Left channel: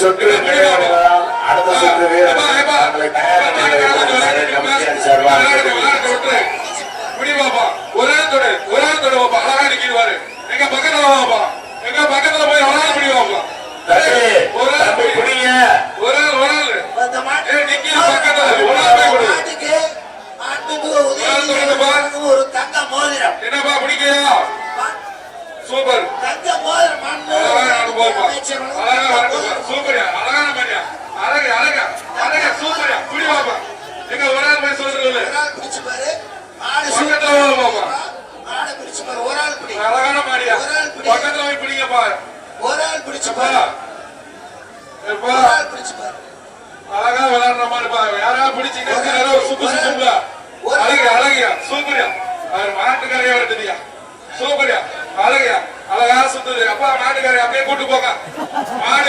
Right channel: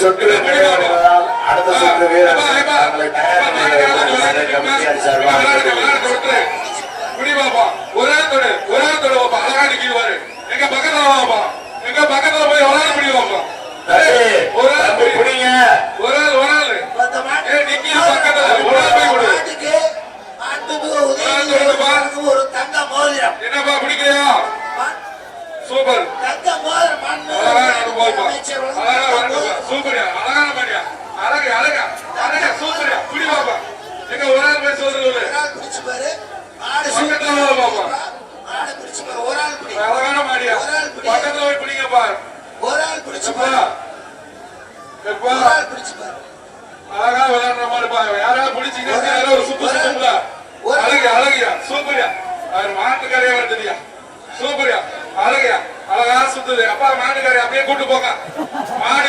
சுற்று அடுத்த சுற்று வீரர் தங்களை தயார் ஒரே தொடு அழகா நிற்கிறாரு. எங்க பக்கத்துல போய் ஒரு ஆள் பிடிவாப்பா. ஒரு ஆள் பிடிங்க. ஒரு ஆள் நிக்கிற பக்கத்துல ஒரு ஆள் போய் கொடு. ஒரு தங்க மோதிரம் என்னப்பா பிடிக்கலையா? சூப்பர். தங்க மோதிரம் சூப்பரியா அழகான மாதிரியா அழகா சூப்பரியா பிடிவாப்பா. எங்க ஒரு ஆள் போய் சொல்லுங்க. அழகான மாடியா பக்கத்துல போய் பிடிங்கப்பா. ஒரு ஆள் பிடிச்சு அழகா விளையாடுற மாதிரி பாருங்க. யாரா பிடிச்சீங்கன்னா ஒரு சுத்து சுத்துங்களா. அழகியா சூப்பரியா மாட்டுக்காரையா தெரியா. சூப்பரியா அழகா சுத்துது. அப்பா மாட்டுக்காரி அப்படியே கூட்டு போங்க. மாடு